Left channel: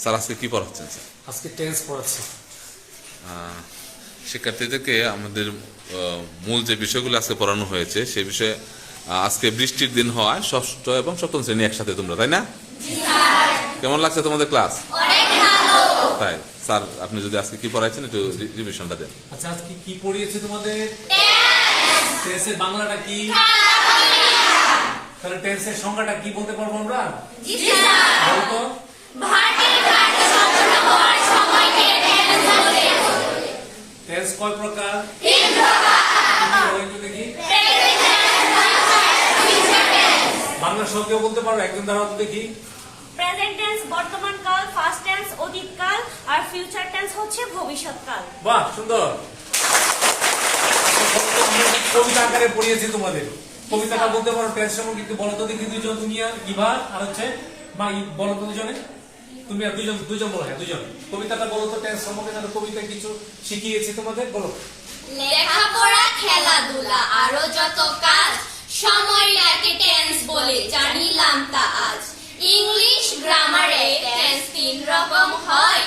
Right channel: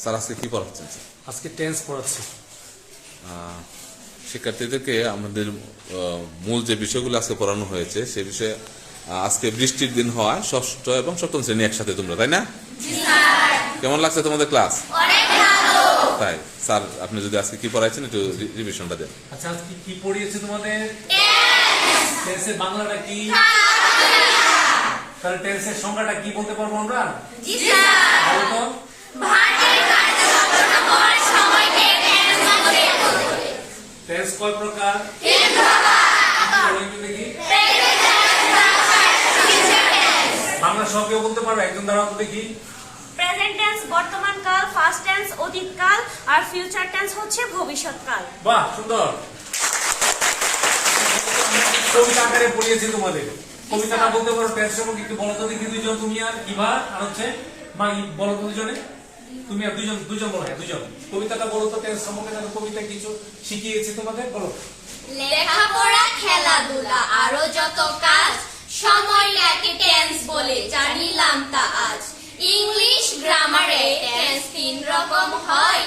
Sir আজকে কি পড়াচ্ছেন স্যার? আজকে টেন্স পড়াচ্ছি। শিক্ষার্থীদেরকে আমাদের মূল যে বিষয়গুলো আজকে পড়ানো হয়েছে সে বিষয়ে আজকে বৃষ্টির দিন হওয়ায় ষষ্ঠ এবং সপ্তম শ্রেণী একসাথে তোমরা, তাই না? কেমন লাগছে তোমাদের ক্লাস? তাই স্যার আপনি যদি আজকে কি পড়াইছেন একটু রিভিশনটা দেন। আচ্ছা, আজকে কি পড়িয়েছে তোমাদের? টেন্সের বাংলাটা কি? তাহলে টেন্সের সংখ্যাটা কি বলতে পারবো আমরা? জি স্যার। বলো তো। টেন্স কয় প্রকার? তিন প্রকার। বলো একটু দেখি। বাংলা সহ কেউ বলতে পারবে? একজন দাঁড়াও তো দেখি। প্রেজেন্ট টেন্স বর্তমান কাল, ফার্স্ট টেন্স অতীত কাল, আর ফিউচার টেন্স হচ্ছে ভবিষ্যৎ কাল। বাহ, সুন্দর। কবিতা আকারে পড়িয়েছি তোমাদের। কবিতাটা বলতে পারো টেন্স সম্পর্কে একটু বলো তো দেখি দুইজন, তুমি আর কিবা আর হচ্ছে মা, বলো তো দুজনে। তুমি আর দুজন বলো, দুজন কবিতাটা বলো তো টেন্স সম্পর্কে। তাহলে কবিতা কিছু শিখিয়েছি তোমাদের, বলো। লেখাপড়া, খেলাধুলা আরো যত কাজ, সময়টাকে টেন্স বলে জানিলাম তা আজ। ইংলিশ গ্রামারে টেন্স তিন রকম হয়,